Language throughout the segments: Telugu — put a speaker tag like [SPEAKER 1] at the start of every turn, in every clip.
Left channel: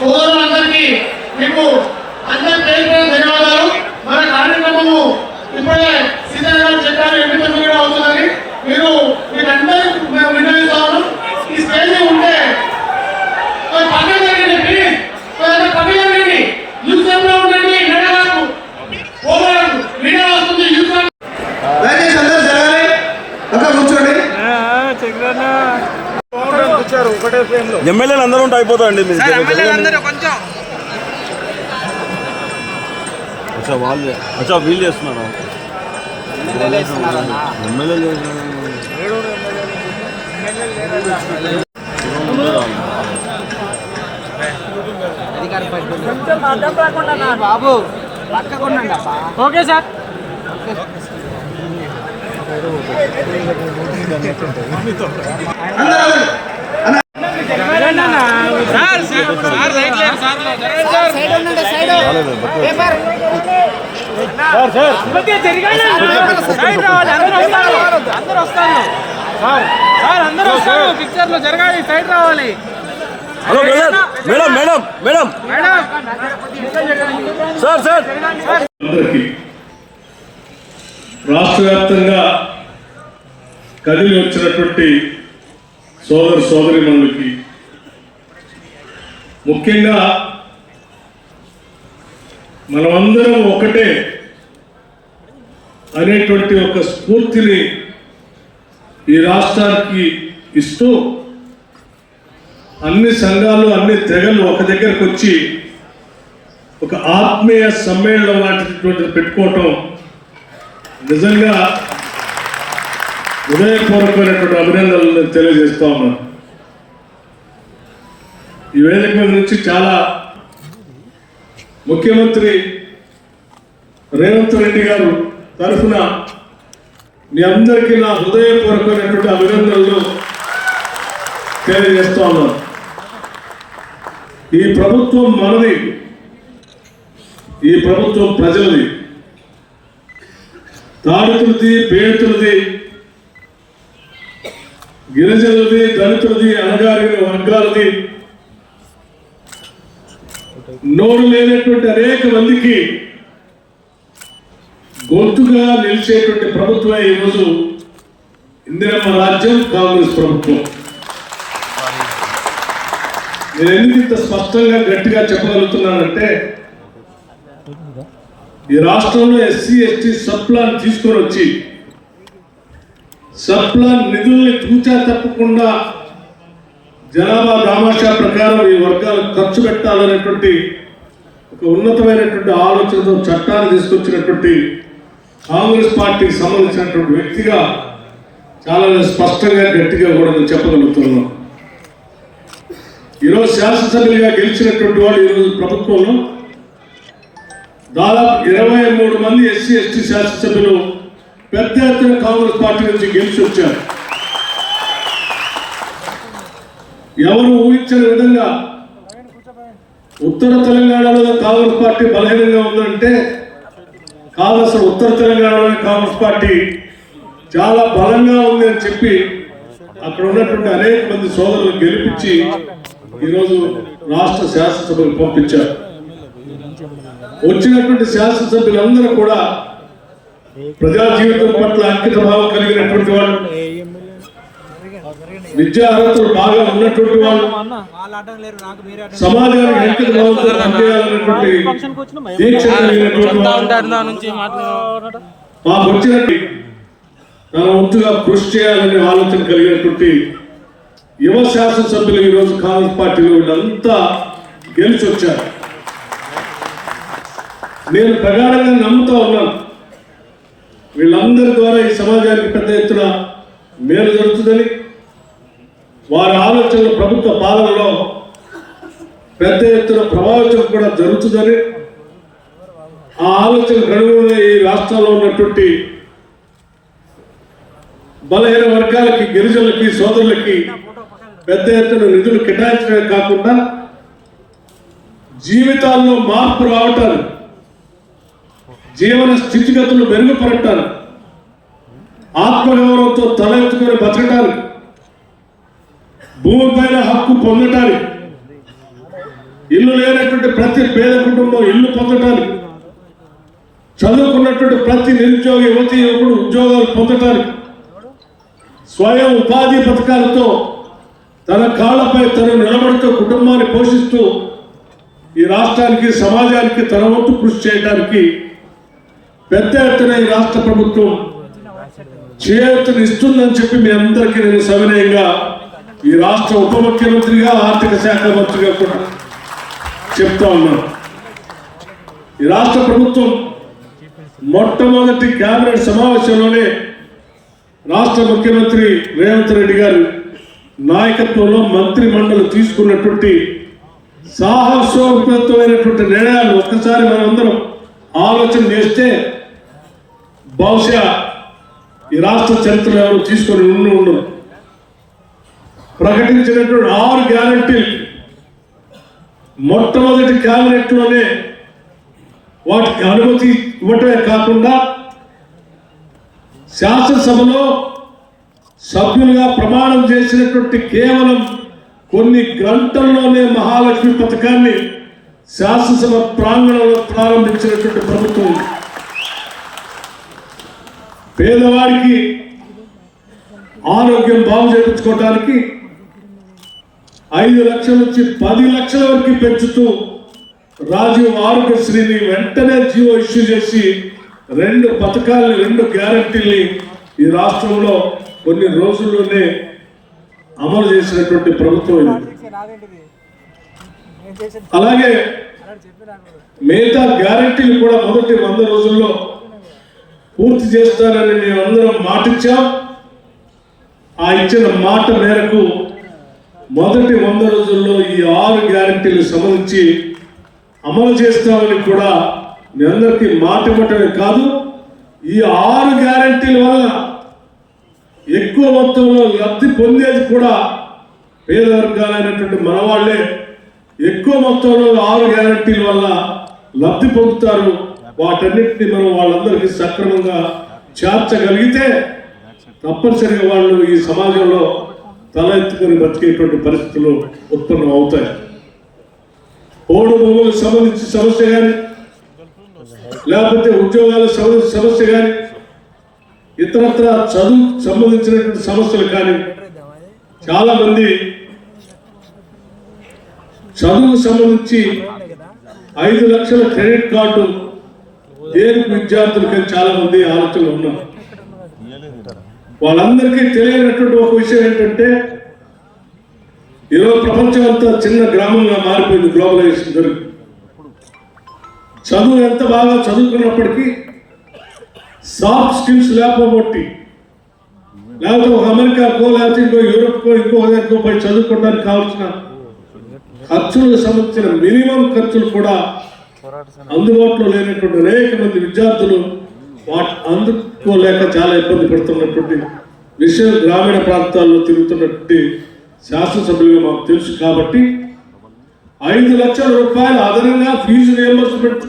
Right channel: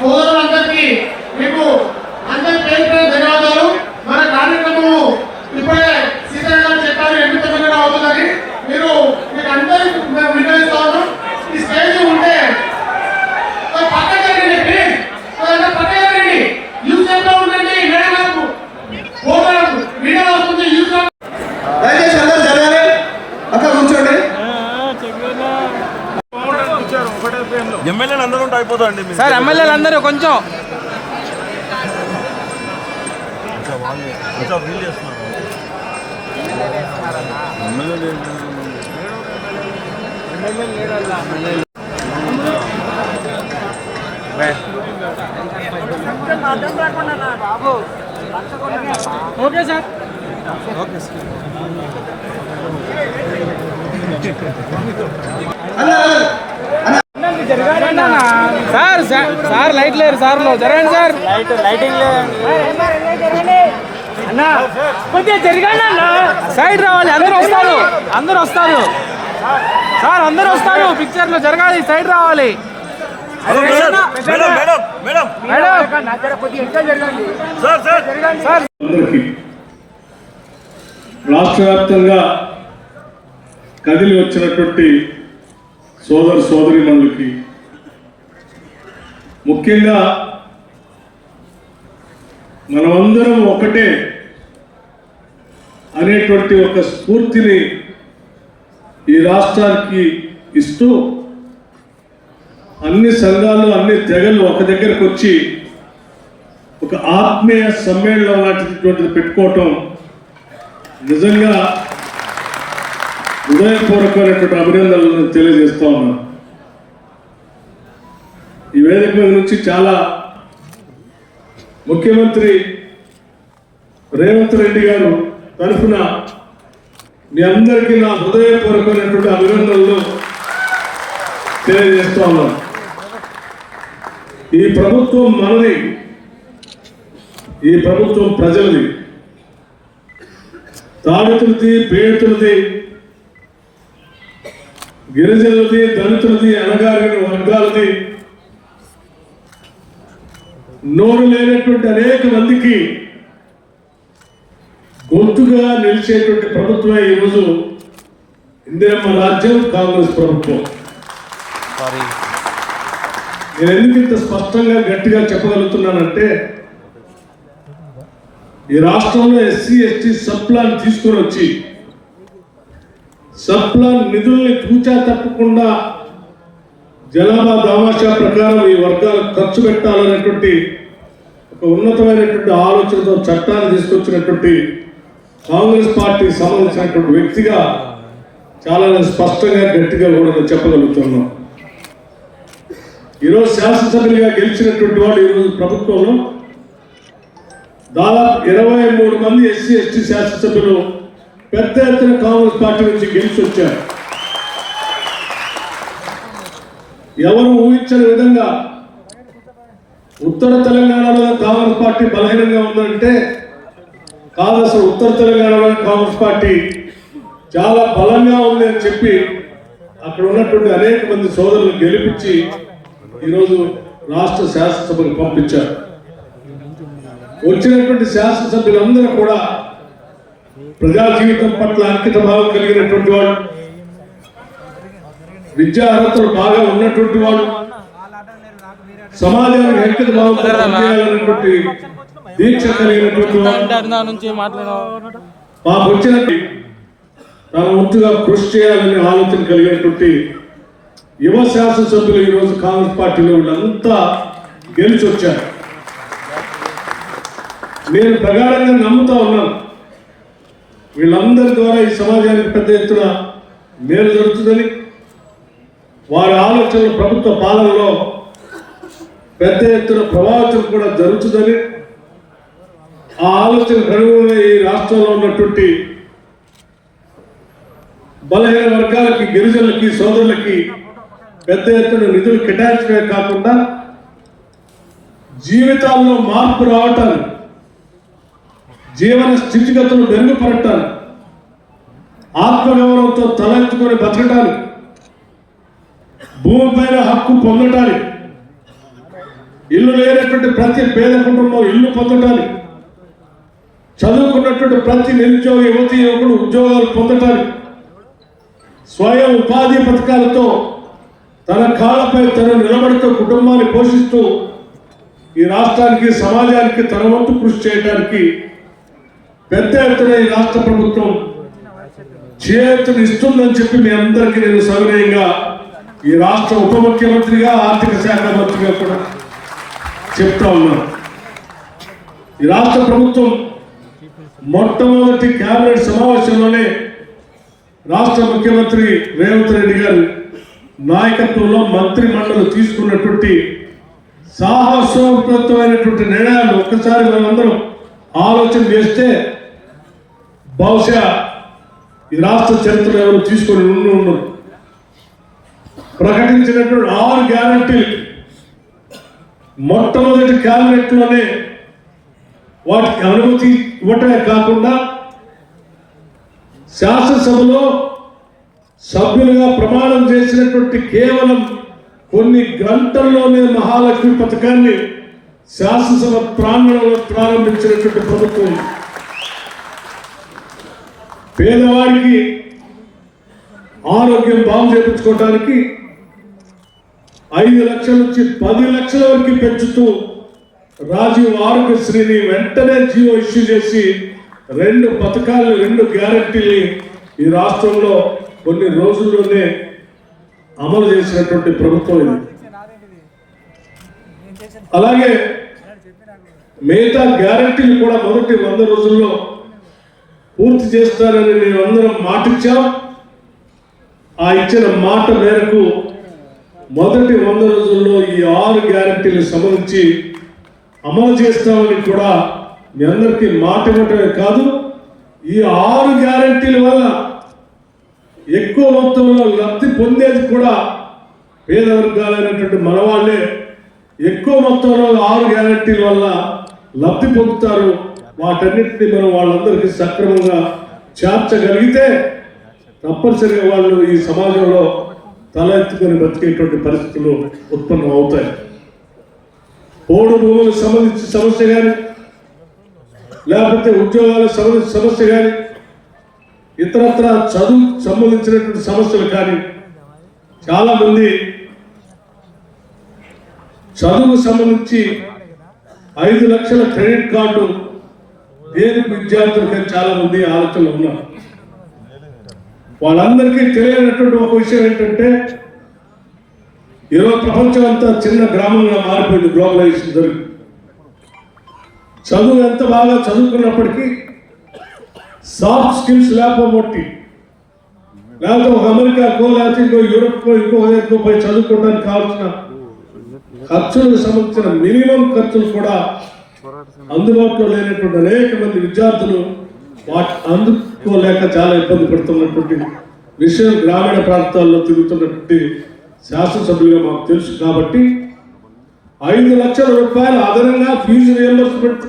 [SPEAKER 1] సోదరులందరికీ మేము అందరి పేరు పేరు ధన్యవాదాలు మన కార్యక్రమము ఇప్పుడే సీతయ్య గారు చెప్పారు ఎనిమిది తొమ్మిది గంటలు అవుతుందని మీరు మీకు అందరికీ మేము వినియోగిస్తా ఉన్నాం ఈ స్టేజ్ ఉంటే కొంచెం పక్కన జరగండి ప్లీజ్ కొంచెం పక్కన జరగండి యూస్లో ఉండండి మీడియా వరకు పోవడం మీడియా వస్తుంది యూస్
[SPEAKER 2] దయచేసి అందరు జరగాలి అక్కడ కూర్చోండి
[SPEAKER 3] ఎమ్మెల్యేలు అందరూ ఉంటే అయిపోతాయండి.
[SPEAKER 4] సార్ ఎమ్మెల్యేలు అందరూ కొంచెం.
[SPEAKER 3] వాళ్ళు కొంచెం వీలు చేస్తున్నారు. MLA
[SPEAKER 4] okay sir. Sir sir sir sir జరగండి సార్ సైడ్ రావాలి అందరూ వస్తారు. అందరూ వస్తారు. సార్ అందరూ వస్తారు. పిక్చర్లో జరగాలి. సైడ్ రావాలి.
[SPEAKER 3] Hello madam. Madam madam madam. Sir sir.
[SPEAKER 5] అందరికీ రాష్ట్ర వ్యాప్తంగా కదిలి వచ్చినటువంటి సోదర సోదరిమణులకి ముఖ్యంగా మనమందరం ఒకటే అనేటువంటి ఒక స్ఫూర్తిని ఈ రాష్ట్రానికి ఇస్తూ అన్ని సంఘాలు అన్ని తెగలు ఒక దగ్గరకు వచ్చి ఒక ఆత్మీయ సమ్మేళనం లాంటిటువంటిది పెట్టుకోవటం నిజంగా హృదయపూర్వకమైనటువంటి అభినందనలు తెలియజేస్తా ఉన్నాను. ఈ వేదిక మీద నుంచి చాలా ముఖ్యమంత్రి రేవంత్ రెడ్డి గారు తరఫున మీ అందరికీ నా హృదయపూర్వకమైనటువంటి అభినందనలు తెలియజేస్తా ఉన్నాను. ఈ ప్రభుత్వం మనది ఈ ప్రభుత్వం ప్రజలది. తాడితులది పీడితులది గిరిజనులది దళితులది అనగారిన వర్గాలది నోరు లేనటువంటి అనేక మందికి గొంతుగా నిలిచేటువంటి ప్రభుత్వమే ఈరోజు ఇందిరమ్మ రాజ్యం కాంగ్రెస్ ప్రభుత్వం. నేను ఎందుకు ఇంత స్పష్టంగా గట్టిగా చెప్పగలుగుతున్నానంటే ఈ రాష్ట్రంలో ఎస్సీ ఎస్టీ సప్లాన్ తీసుకొని వచ్చి సప్లాన్ నిధుల్ని తూచా తప్పకుండా జనాభా దామాషా ప్రకారం ఈ వర్గాలకు ఖర్చు పెట్టాలనేటువంటి ఒక ఉన్నతమైనటువంటి ఆలోచనతో చట్టాన్ని తీసుకొచ్చినటువంటి కాంగ్రెస్ పార్టీకి సంబంధించినటువంటి వ్యక్తిగా చాలా స్పష్టంగా గట్టిగా కూడా నేను చెప్పగలుగుతున్నాను. ఈరోజు శాసనసభ్యులుగా గెలిచినటువంటి వాడు ఈరోజు ప్రభుత్వంలో దాదాపు ఇరవై మూడు మంది ఎస్సీ ఎస్టీ శాసనసభ్యులు పెద్ద ఎత్తున కాంగ్రెస్ పార్టీ నుంచి గెలిచి వచ్చారు ఎవరు ఊహించని విధంగా ఉత్తర తెలంగాణలో కాంగ్రెస్ పార్టీ బలహీనంగా ఉందంటే కాదు అసలు ఉత్తర తెలంగాణలో కాంగ్రెస్ పార్టీ చాలా బలంగా ఉంది అని చెప్పి అక్కడ ఉన్నటువంటి అనేక మంది సోదరులు గెలిపించి ఈరోజు రాష్ట్ర శాసనసభకు పంపించారు. వచ్చినటువంటి శాసనసభ్యులందరూ కూడా ప్రజా జీవితం పట్ల అంకిత భావం కలిగినటువంటి వాళ్ళు. విద్యా అర్హతలు బాగా ఉన్నటువంటి వాడు సమాజానికి అంకిత భావంతో పనిచేయాలనేటువంటి దీక్ష కలిగినటువంటి మాకు వచ్చినట్టు తన వంతుగా కృషి చేయాలనే ఆలోచన కలిగినటువంటి యువ శాసనసభ్యులు ఈరోజు కాంగ్రెస్ పార్టీలో వీళ్ళంతా గెలిచి వచ్చారు. నేను ప్రగాఢంగా నమ్ముతా ఉన్నాను. వీళ్ళందరి ద్వారా ఈ సమాజానికి పెద్ద ఎత్తున మేలు జరుగుతుందని వారి ఆలోచనలు ప్రభుత్వ పాలనలో పెద్ద ఎత్తున ప్రభావితం కూడా జరుగుతుందని ఆ ఆలోచన కనుగొన్న ఈ రాష్ట్రంలో ఉన్నటువంటి బలహీన వర్గాలకి గిరిజనులకి సోదరులకి పెద్ద ఎత్తున నిధులు కేటాయించడమే కాకుండా జీవితాల్లో మార్పు రావటానికి జీవన స్థితిగతులు మెరుగుపడటానికి ఆత్మగౌరవంతో తలెత్తుకొని భూమి భూమిపైన హక్కు పొందటానికి. ఇల్లు లేనటువంటి ప్రతి పేద కుటుంబం ఇల్లు పొందటానికి. చదువుకున్నటువంటి ప్రతి నిరుద్యోగ యువతి యువకుడు ఉద్యోగాలు పొందటానికి. స్వయం ఉపాధి పథకాలతో తన కాళ్ళపై తను నిలబడుతూ కుటుంబాన్ని పోషిస్తూ ఈ రాష్ట్రానికి సమాజానికి తన వంతు కృషి చేయడానికి పెద్ద ఎత్తున ఈ రాష్ట్ర ప్రభుత్వం చేతులు ఇస్తుందని చెప్పి మీ అందరికీ నేను సవినయంగా ఈ రాష్ట్ర ఉప ముఖ్యమంత్రిగా ఆర్థిక శాఖ మంత్రిగా కూడా చెప్తా ఉన్నాను ఈ రాష్ట్ర ప్రభుత్వం మొట్టమొదటి కేబినెట్ సమావేశంలోనే రాష్ట్ర ముఖ్యమంత్రి రేవంత్ రెడ్డి గారు నాయకత్వంలో మంత్రి మండలి తీసుకున్నటువంటి సాహసోపతమైనటువంటి నిర్ణయాలు ఒక్కసారి మనందరం ఆలోచన చేస్తే బహుశా ఈ రాష్ట్ర చరిత్ర ఎవరు తీసుకొని ఉండి ఉండరు. ప్రకటించినటువంటి ఆరు గ్యారంటీలు. మొట్టమొదటి క్యాబినెట్లోనే వాటికి అనుమతి ఇవ్వటమే కాకుండా శాసనసభలో సభ్యులుగా ప్రమాణం చేసినటువంటి కేవలం కొన్ని గంటల్లోనే మహాలక్ష్మి పథకాన్ని శాసనసభ ప్రాంగణంలో ప్రారంభించినటువంటి ప్రభుత్వం. పేదవాడికి ఆరోగ్యం బాగు చేయించుకోవటానికి ఐదు లక్షల నుంచి పది లక్షల వరకు పెంచుతూ రాజీవ్ ఆరోగ్యశ్రీని వెంటనే జీవో ఇష్యూ చేసి రెండు పథకాలని రెండు గ్యారంటీని ఈ రాష్ట్రంలో కొన్ని రోజుల్లోనే అమలు చేసినటువంటి ప్రభుత్వం ఇది. అలాగే మిగతా గ్యారంటీలు కూడా మొదటి వంద రోజుల్లో పూర్తి చేస్తారని మేమందరం మాటిచ్చాం. ఆ ఇచ్చిన మాట మేరకు మొదటి వంద రోజుల్లో ఈ ఆరు గ్యారంటీలు సంబంధించి అమలు చేస్తామని కూడా మీ అందరికీ మాట ఇవ్వటమే కాదు ఈ ఆరు గ్యారంటీల వల్ల ఎక్కువ మొత్తంలో లబ్ధి పొందేది కూడా పేద వర్గాలైనటువంటి మనవాళ్ళే ఎక్కువ మొత్తంలో ఆరు గ్యారంటీల వల్ల లబ్ధి పొందుతారు. వాటన్నిటిని మనం వాళ్ళందరికీ సక్రమంగా చేర్చగలిగితే తప్పనిసరిగా వాళ్ళు ఈ సమాజంలో తల ఎత్తుకొని బతికేటువంటి పరిస్థితులు ఉత్పన్నం అవుతాయి. ఓడు భూములకు సంబంధించి సమస్య కానీ లేకపోతే ఉద్యోగాలకు సంబంధించిన సమస్య కానీ ఇతరత్ర చదువు సంబంధించినటువంటి సమస్యలు కానీ చాలామంది చదువుకు సంబంధించి ఐదు లక్షల క్రెడిట్ కార్డు దేనికి విద్యార్థులకని చాలామంది ఆలోచనలు ఉన్నారు. వాళ్ళందరికీ తెలియనటువంటి ఒక విషయం ఏంటంటే ఈరోజు ప్రపంచం అంతా చిన్న గ్రామంగా మారిపోయింది గ్లోబలైజేషన్ జరిగి చదువు ఎంత బాగా చదువుకున్నప్పటికీ సాఫ్ట్ స్కిల్స్ లేకపోబట్టి లేకపోతే ఒక అమెరికాకో లేకపోతే ఇంకో యూరోప్కో ఇంకో దగ్గరకో పోయి చదువుకోవడానికి కావాల్సిన ఖర్చులకు సంబంధించిన మినిమం ఖర్చులు కూడా అందుబాటులో లేనటువంటి అనేక మంది విద్యార్థులు వాటి లేక చాలా ఇబ్బంది పడుతున్నటువంటి విషయం గ్రామీణ ప్రాంతాల్లో తిరుగుతున్నటువంటి శాసనసభ్యులుగా మాకు తెలుసు కాబట్టి ఐదు లక్షల రూపాయలు అదనంగా ఫీజు రియంబర్స్మెంట్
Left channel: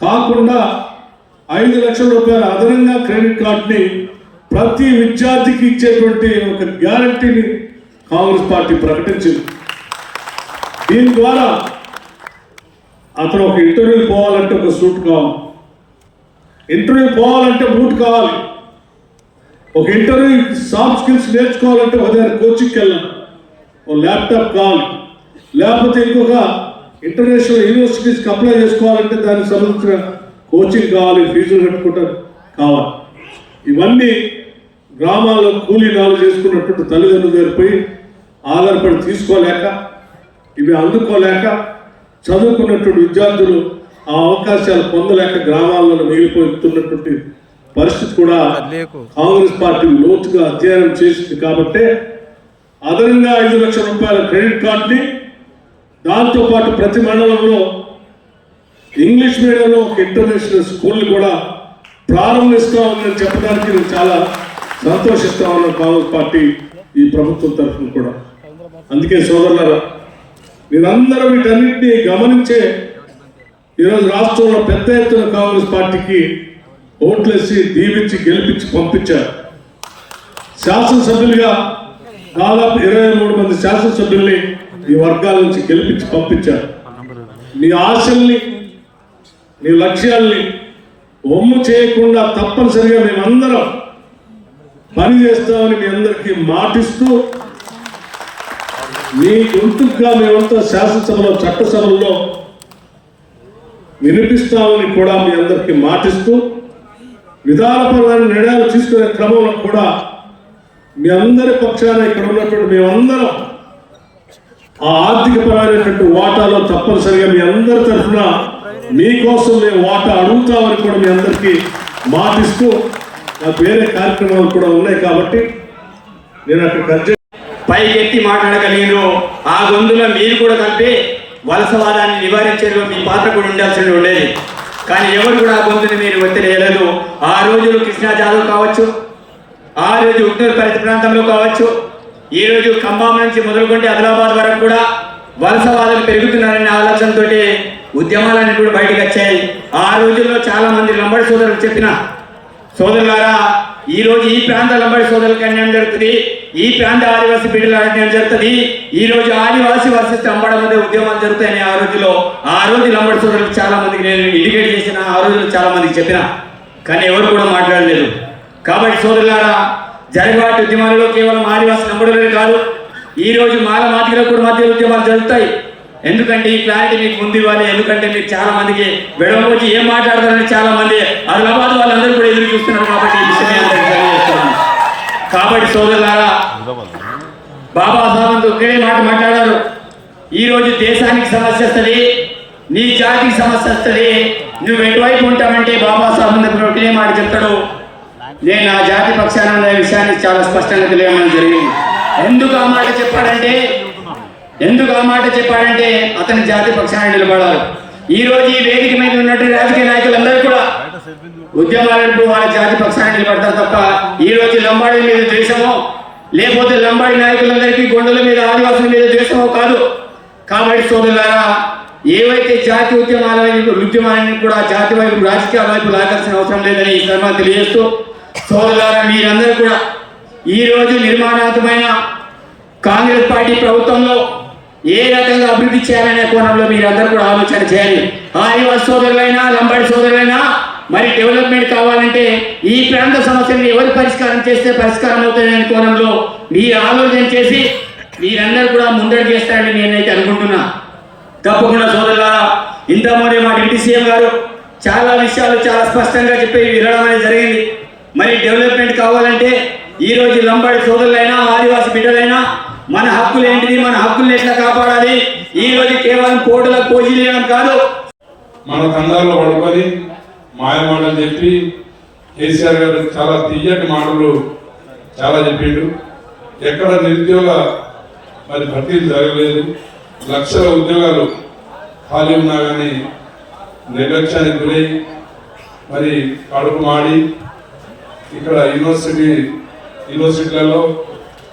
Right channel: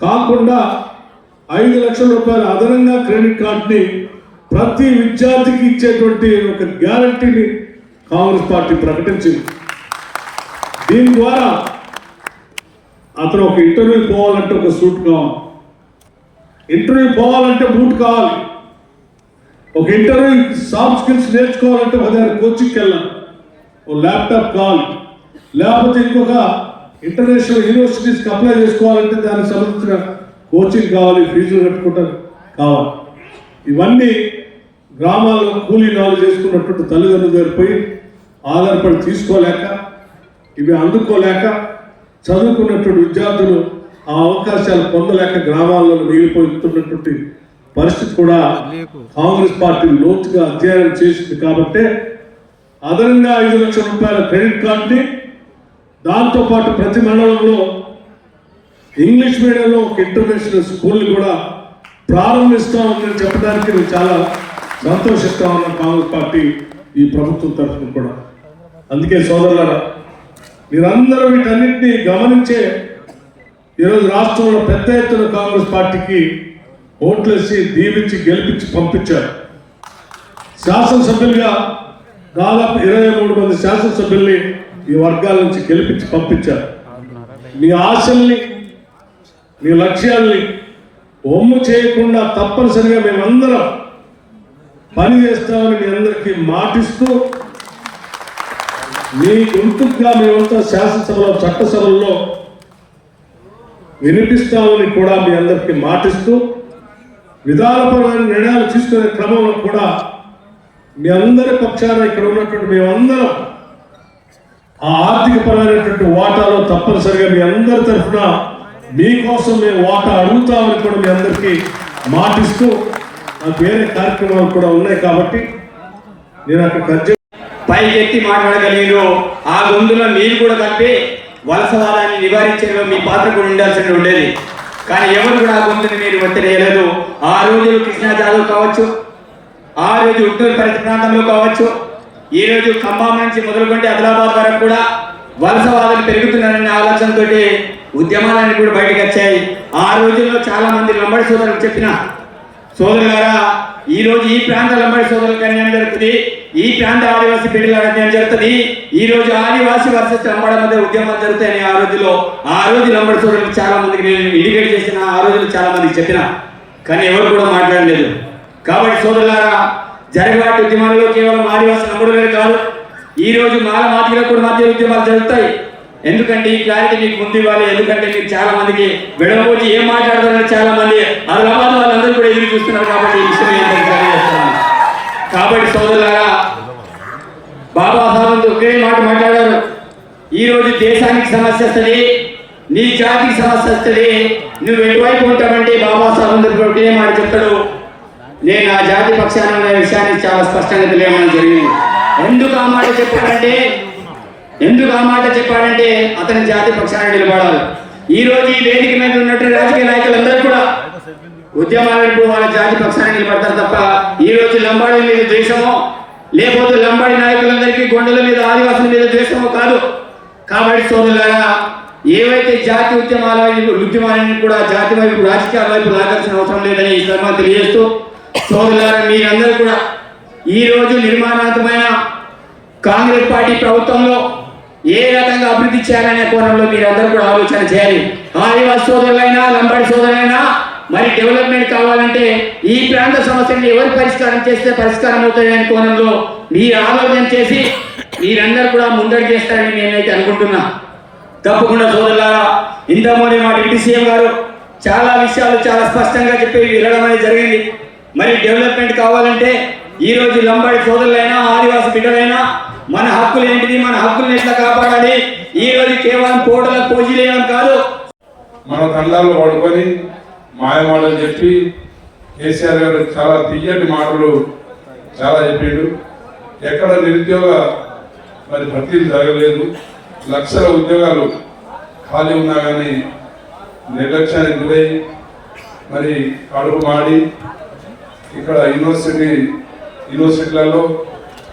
[SPEAKER 5] కాకుండా ఐదు లక్షల రూపాయల అదనంగా క్రెడిట్ కార్డుని ప్రతి విద్యార్థికి ఇచ్చేటువంటి ఒక గ్యారంటీని కాంగ్రెస్ పార్టీ ప్రకటించింది. దీని ద్వారా అతను ఒక ఇంటర్వ్యూ పోవాలంటే ఒక సూట్ కావాలి. ఇంటర్వ్యూ పోవాలంటే బూట్ కావాలి. ఒక ఇంటర్వ్యూ సాఫ్ట్ స్కిల్స్ నేర్చుకోవాలంటే ఒక దగ్గర కోచింగ్కి వెళ్ళాలి. ఒక ల్యాప్టాప్ కావాలి. లేకపోతే ఇంకొక ఇంటర్నేషనల్ యూనివర్సిటీస్కి అప్లై చేసుకోవాలంటే దానికి సంబంధించిన కోచింగ్ కావాలి ఫీజులు కట్టుకుంటారు. కావాలి. ఇవన్నీ గ్రామాల్లో కూలీ నాలు చేసుకున్నటువంటి తల్లిదండ్రుల దగ్గర పోయి ఆధారపడి తీసుకోలేక ఇవి అందుకోలేక చదువుకున్నటువంటి విద్యార్థులు ఆ అవకాశాలు పొందలేక గ్రామాల్లో మిగిలిపోతున్నటువంటి పరిస్థితి కూడా కాంగ్రెస్ పార్టీ లోతుగా అధ్యయనం చేసింది కాబట్టే అదనంగా ఐదు లక్షల రూపాయల క్రెడిట్ కార్డుని దాంతో పాటు ప్రతి మండలంలో ఇంగ్లీష్ మీడియంలో ఒక ఇంటర్నేషనల్ స్కూల్ని కూడా ప్రారంభిస్తామని చెప్పడానికి నేను చాలా సంతోషిస్తా ఉన్నాను కాంగ్రెస్ పార్టీ ఈ ప్రభుత్వం తరఫున కూడా. అందుకే సోదరులారా మీరందరూ వీటన్నిటిని గమనించే ఈరోజు రాష్ట్రంలో పెద్ద ఎత్తున కాంగ్రెస్ పార్టీకి ఓట్లేసి దీవించి గెలిపించి పంపించారు. శాసనసభ్యులుగా దాదాపు ఇరవై మూడు మంది శాసనసభ్యుల్ని ఈ వర్గాల నుంచి గెలిపించి పంపించారు.
[SPEAKER 6] మీ ఆశల్ని నీ లక్ష్యాల్ని ఒమ్ము చేయకుండా తప్పనిసరిగా మేమందరం పని చేస్తామని మీ అందరికీ మాటిస్తూ మీ గుర్తుగా మేమంతా శాసనసభలో చట్టసభల్లో వినిపిస్తామని కూడా మీ అందరికీ మాటిస్తూ విధానపరమైన నిర్ణయాలు తీసుకునే క్రమంలో కూడా మీ అందరి పక్షాన ఇక్కడ ఉన్నటువంటి మేమందరం ఆ ఆర్థిక పరమైనటువంటి వాటాలో తప్పనిసరిగా మీ అందరి తరఫున మీకోసం మేము వాటా అడుగుతామని కూడా మీ అందరికీ మాటిస్తూ నాకు వేరే కార్యక్రమాలు కూడా ఉన్నాయి కాబట్టి నేను అక్కడ పై
[SPEAKER 7] ఎత్తి మాట్లాడగలిగిన ఆ గొంతులో మీరు కూడా కలిపి వలసవాదాన్ని నివారించడంలో మీ పాత్ర కూడా ఉండాల్సి ఉండేది. కానీ ఎవరు కూడా ఆ గొంతుని మీరు వదిలేయలేదు ఆ రోజు కృష్ణా జాదవ్ కావచ్చు ఆ రోజు ఉత్తర పరిత ప్రాంతంలో కావచ్చు ఈ రోజు ఖమ్మం నుంచి మొదలుకుంటే ఆదిలాబాద్ వరకు కూడా వలసవాదులు పెరుగుతున్నారనే ఆలోచనతో ఉద్యమాలన్నీ కూడా బయటకు వచ్చాయి. ఆ రోజుల్లో చాలా మంది లంబడి సోదరులు చెప్పిన సోదరులారా ఈ రోజు ఈ ప్రాంత లంబడి సోదరులు అన్యాయం జరుగుతుంది. ఈ ప్రాంత ఆదివాసీ బిడ్డల అన్యాయం జరుగుతుంది ఈ రోజు ఆదివాసీ వర్సెస్ లంబడ మధ్య ఉద్యమాలు జరుగుతాయని ఆ రోజులో ఆ రోజు లంబడి సోదరులకు చాలా మందికి నేను ఇండికేట్ చేసిన ఆ రోజులు చాలా మందికి చెప్పిన. కానీ ఎవరు కూడా మాట్లాడలేదు. కాబట్టి సోదరులారా జరగవాటి ఉద్యమాలలో కేవలం ఆదివాసీ లంబడులే కాదు ఈ రోజు మాల మాదిగల కూడా మధ్య ఉద్యమాలు జరుగుతాయి. ఎందుకంటే ఈ క్లారిటీ మీకు ముందు ఇవ్వాలి ఎందుకంటే మీకు చాలా మందికి వెడమపోచి ఏం మాట్లాడతారని చాలా మంది ఆదిలాబాద్ వాళ్ళందరూ కూడా ఎదురు చూస్తున్నారు కాబట్టి ఈ విషయం నేను అందరికీ తెలియజేస్తున్నాను కాబట్టి సోదరులారా బాబా సాహెబ్ ఒకే మాట మాట్లాడారు. ఈ రోజు దేశానికి సమస్య వస్తుంది నీ జాతికి సమస్య వస్తుంది నువ్వు ఎటువైపు ఉంటావంటే బాబా సాహెబ్ ఒకటే మాట చెప్తాడు. నేను నా జాతి పక్షాన విషయాన్ని చాలా స్పష్టంగా తెలియడం జరిగింది. ఎందుకు ఆ మాట చెప్పాడంటే ఎందుకు ఆ మాట చెప్పాడంటే అతని జాతి పక్షాన నిలబడాలి. ఈ రోజు ఈ వేదిక మీద ఉన్నట్టు రాజకీయ నాయకులందరూ కూడా ఉద్యమాలంటూ వాళ్ళ జాతి పక్షాన్ని నిలబడతారు తప్ప ఈ రోజు లంబాడి మీద ద్వేషమో లేకపోతే లంబాడి నాయకులందరికీ గొండల మీద ఆదివాసుల మీద ద్వేషమో కాదు. కాబట్టి సోదరులారా ఏవైతే జాతి ఉద్యమాల ఉద్యమాలను కూడా జాతి వైపు రాజకీయాల వైపు లాగాల్సిన అవసరం లేదని ఈ సందర్భంగా తెలియజేస్తూ సోదరులారా మీరందరూ కూడా ఈ రోజు నిర్మాణాత్మకమైన కాంగ్రెస్ పార్టీ ప్రభుత్వంలో ఏ రకంగా అభివృద్ధి చేయాలనే కోణంలో మీరందరూ కూడా ఆలోచన చేయాలి. ఆదివాసి సోదరులైనా లంబాడి సోదరులైనా డెవలప్మెంట్ కావాలంటే ఈ ప్రాంత సమస్యలను ఎవరు పరిష్కారం చేస్తే పరిష్కారం అవుతాయనే కోణంలో మీ ఆలోచన చేసి మీరందరూ కూడా ముందడుగు చేస్తారని నేనైతే అనుకుంటున్నా. తప్పకుండా సోదరులారా ఇంతమూనే మా డిప్యూటీ సీఎం గారు చాలా విషయాలు చాలా స్పష్టంగా చెప్పి వినడం అనేది జరిగింది. మరి డెవలప్మెంట్ కావాలంటే ఈ రోజు లంబాడి సోదరులైనా ఆదివాసి బిడ్డలైనా మన హక్కులు ఏంటిది మన హక్కులను ఎట్లా కాపాడాలి? ఈ రోజు కేవలం కోటల పోజీలేయడం కాదు.
[SPEAKER 8] మన కన్నాల్లో పడుకొని మాయ మాటలు చెప్పి కేసీఆర్ గారు చాలా తీయటి మాటలు చాలా చెప్పిండు. ఎక్కడ నిరుద్యోగ మరి భర్తీలు జరగలేదు. లక్షల ఉద్యోగాలు ఖాళీ ఉన్నా కానీ నిర్లక్ష్యానికి గురై మరి కడుపు మాడి ఇక్కడ యూనివర్సిటీ యూనివర్సిటీలలో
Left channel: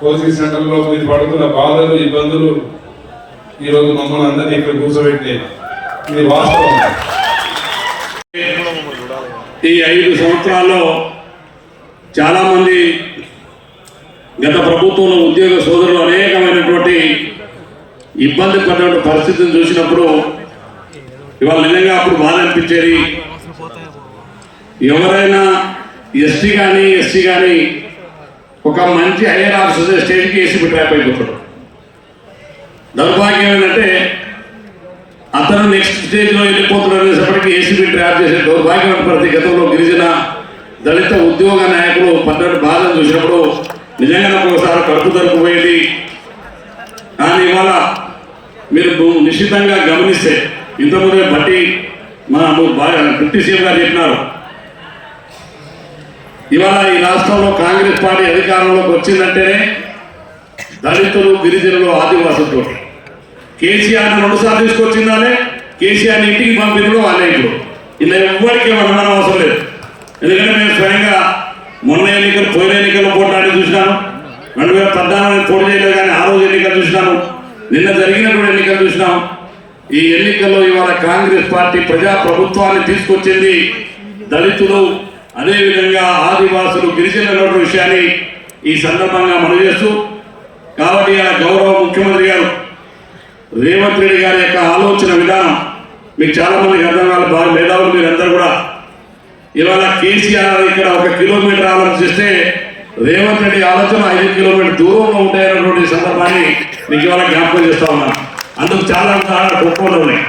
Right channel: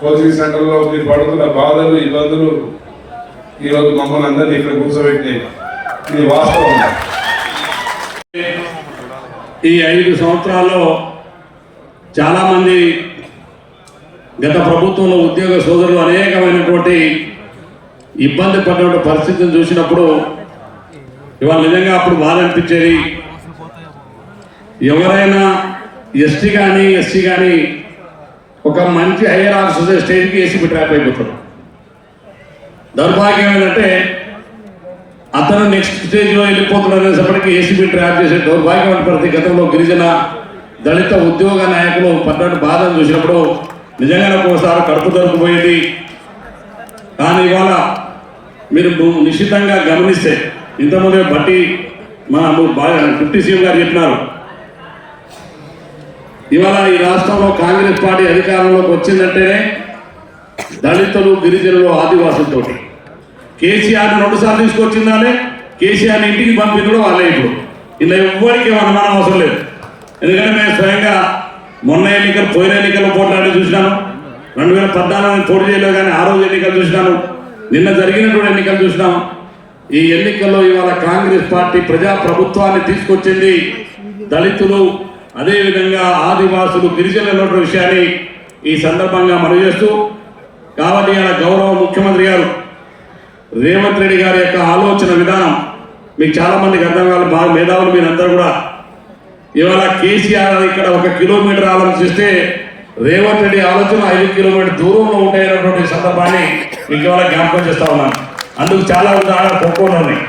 [SPEAKER 8] కోచింగ్ సెంటర్లో మీరు పడుతున్న బాధలు ఇబ్బందులు ఈరోజు మమ్మల్ని అందరినీ ఇక్కడ కూర్చోబెట్టినాయి. ఇది వాస్తవం.
[SPEAKER 6] ఈ ఐదు సంవత్సరాల్లో చాలామంది గత ప్రభుత్వంలో ఉద్యోగ సోదరులు అనేకమైనటువంటి ఇబ్బంది పడినటువంటి పరిస్థితిని చూసినప్పుడు ఇవాళ నిజంగా అప్పుడు బాధ అనిపించేది. ఎవరైనా ఎస్టీ కానీ ఎస్సీ కానీ ఒక మంచి హైయర్ ఆఫీసర్ స్టేజ్కి వేసి ట్రాప్ అయిపోతాడు దౌర్భాగ్యం ఏంటంటే అతను నెక్స్ట్ స్టేజ్లో వెళ్ళిపోతున్నాడు అనేసప్పటికీ ఏసీబీ ట్రాప్ చేసే దౌర్భాగ్యమైన పరిస్థితి గతంలో గిరిజన దళిత ఉద్యోగ నాయకులు పడ్డట్టు బాధను చూసినప్పుడు నిజంగానే ఒకసారి కడుపు దొరికిపోయేది కానీ ఇవాళ మీరు నిశ్చితంగా గమనిస్తే ఇంతకుముందే బట్టి మా బాగా డిప్యూటీ సీఎం గారు చెప్పినారు. ఇవాళ ఈ రాష్ట్రంలో కాంగ్రెస్ పార్టీ అధికారంలోకి వచ్చిందంటేనే దళితులు గిరిజనులు ఆదివాసులతోటి కేసీఆర్ రెండు సార్లు తీసుకొచ్చిందాలే కేసీఆర్ ఇంటికి పంపించడం వాళ్ళే ఇప్పుడు ఇలా ఎవ్వరికి అనుమానం అవసరం లేదు. ఎందుకంటే మేము స్వయంగా మొన్న ఎన్నికలు పోయిన ఎన్నికల్లో పోట్లాడి చూసినాను రెండు వేల పద్నాలుగు పోటీ చేయలేదు కానీ ఆ రోజు ఎన్నికలు చూసినాను నిన్న జరిగినటువంటి ఎన్నికలు చూసినాం ఈ ఎన్నికల్లో ఇవాళ కాంగ్రెస్ పార్టీ ప్రజా ప్రభుత్వాన్ని తీసుకొచ్చింది దళితులు. అదేవిధంగా ఆదివాసులు గిరిజనుల విషయాన్ని ఈ సందర్భంగా మనవి చేస్తూ కాబట్టి ఇలా గౌరవ ముఖ్యమంత్రి గారు రేవంత్ రెడ్డి గారి యొక్క ఆలోచన విధానం మీకు చాలా మందికి అర్థం కావాలి బాగా మేధావులు మీరందరూ కూడా. ఇవాళ కేసీఆర్ ఇక్కడ ఒక కిలోమీటర్ ఆలోచిస్తే రేవంత్ రెడ్డి ఆలోచన ఐదు కిలోమీటర్ దూరంలో ఉంటాయన్నటువంటి సందర్భాన్ని మీకు ఇవాళ జ్ఞాపకం చేస్తా ఉన్నాను. అందుకు చాలా ఉదాహరణలు గొప్పలు ఉన్నాయి.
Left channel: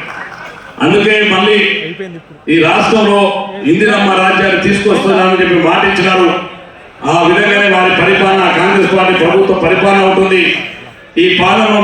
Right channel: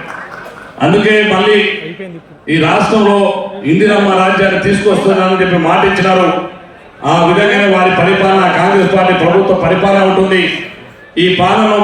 [SPEAKER 6] అందుకే మళ్ళీ ఈ రాష్ట్రంలో ఇందిరమ్మ రాజ్యాన్ని తీసుకొస్తున్నానని చెప్పి మాట ఇచ్చినారు. ఆ విధంగానే వారి పరిపాలన కాంగ్రెస్ పార్టీ ప్రభుత్వ పరిపాలన ఉంటుంది. ఈ పాలనలో